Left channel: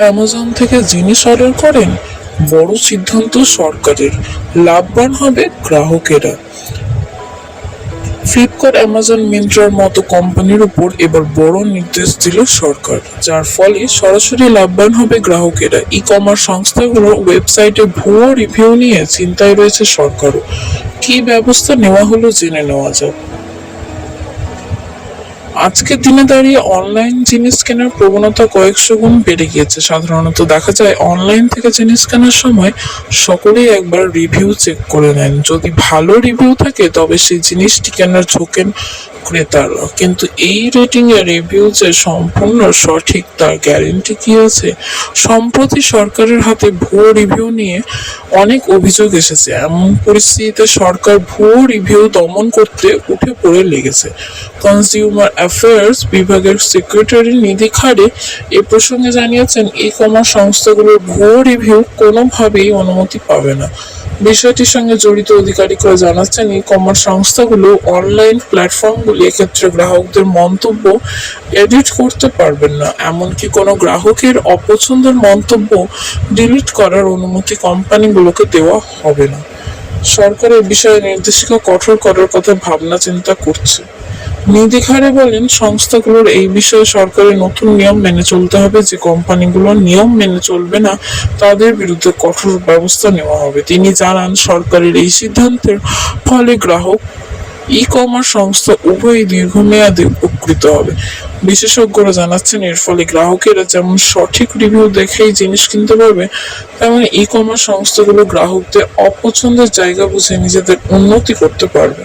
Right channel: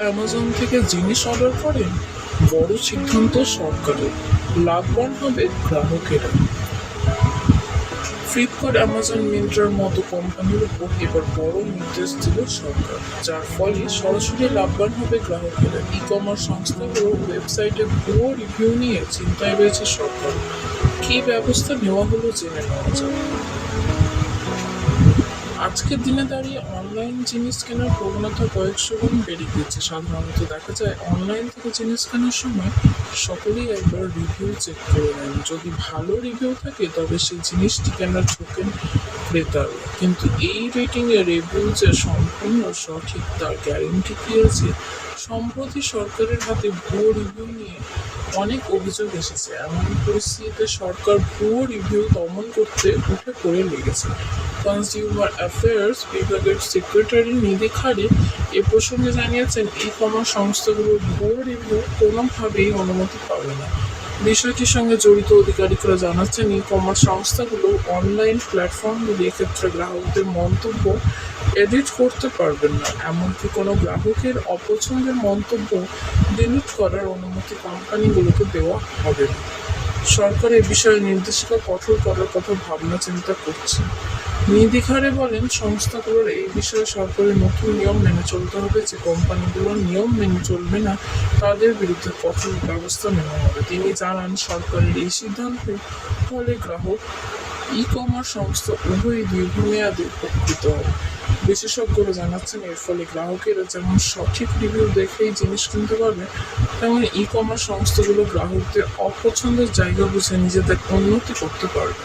Amazon থেকে জিনিস order করেন, বড় সিদ্ধান্ত সরকারের, লাভবান হবে গ্রাহকেরা। ফ্লিপকার্ট, অ্যামাজন, মিন্ত্রার মতো কোম্পানির উপর এবার বড় নির্দেশ দিল সরকার, যার ফলে সরাসরি লাভবান হবে গ্রাহকেরা। ই কমার্স সংস্থাগুলোর ওয়েবসাইটে ভুয়ো রিভিউ নিয়ে চিন্তায় রয়েছে সরকারও। কী ব্যবস্থা নেওয়া হলো জেনে নেওয়া যাক। আজকের দিনে দাঁড়িয়ে অনলাইন জিনিস কেনার প্রবণতা কয়েকশো গুণ বেড়ে গিয়েছে। সাধারণত দেখা যায় অনলাইন থেকে জিনিস কেনার সময় সকলেই একবার রিভিউ চেক করে নেন। যদি ভালো রিভিউ থাকে তবে সেই জিনিসটি কেনার ঝোঁকেন ক্রেতারা। কিন্তু এই রেটিং এ রিভিউ যে সম্পূর্ণ সঠিক তার গ্যারেন্টি কি আছে? সম্প্রতি সরকারের হাতে ভুয়ো রিভিউ নিয়ে অনেক অভিযোগ এসেছে। এমন পরিস্থিতিতে সরকার ভুয়ো রিভিউ দমন করতে উঠে পড়ে লেগেছে। কনজিউমার অ্যাফেয়ার্স বিভাগের সেক্রেটারি নিধি খাড়ে এ প্রসঙ্গে জানিয়েছেন, ই কমার্স সংস্থাগুলোর ভুয়ো রিভিউ কোনোভাবেই অনুমতি পাবে না। বিষয়টির সঙ্গে জড়িত আধিকারিকরা জানাচ্ছেন, ই কমার্স সংস্থাগুলো অনলাইন প্ল্যাটফর্মগুলি এক্ষেত্রে গ্রাহকদের মন্তব্য এডিট করতে পারবেন না। এমনকি কোনো গ্রাহকের অপছন্দের মন্তব্য ডিলিট করার অনুমতি কোম্পানিগুলোকে দেওয়া হবে না। সরকার এ বিষয়ে নির্দেশিকা কঠোর করার কথা ভাবনা চিন্তা করছে। নিধি খাড়ে বলেন, সংস্থাগুলোর এই বিষয়ে সরকারের নতুন নিয়ম মেনে চলতে হবে। যে কোম্পানিগুলো নিয়ম মেনে চলবে না তাদের বিরুদ্ধে কঠোর ব্যবস্থা নেওয়া হবে। তিনি জানান, সরকারের এই সিদ্ধান্তের ফলে গ্রাহক, ই কমার্স সংস্থা উভয়ই দীর্ঘমেয়াদে উপকৃত হবে। বিশেষজ্ঞরা জানাচ্ছেন, এর ফলে গ্রাহকেরা যেমন সঠিক রিভিউ দেখেই জিনিস কিনতে পারবে, তেমন ই কমার্স সংস্থাগুলো গ্রাহকদের অপছন্দের জায়গা বুঝে নিজেদের উন্নতি করতে পারবে।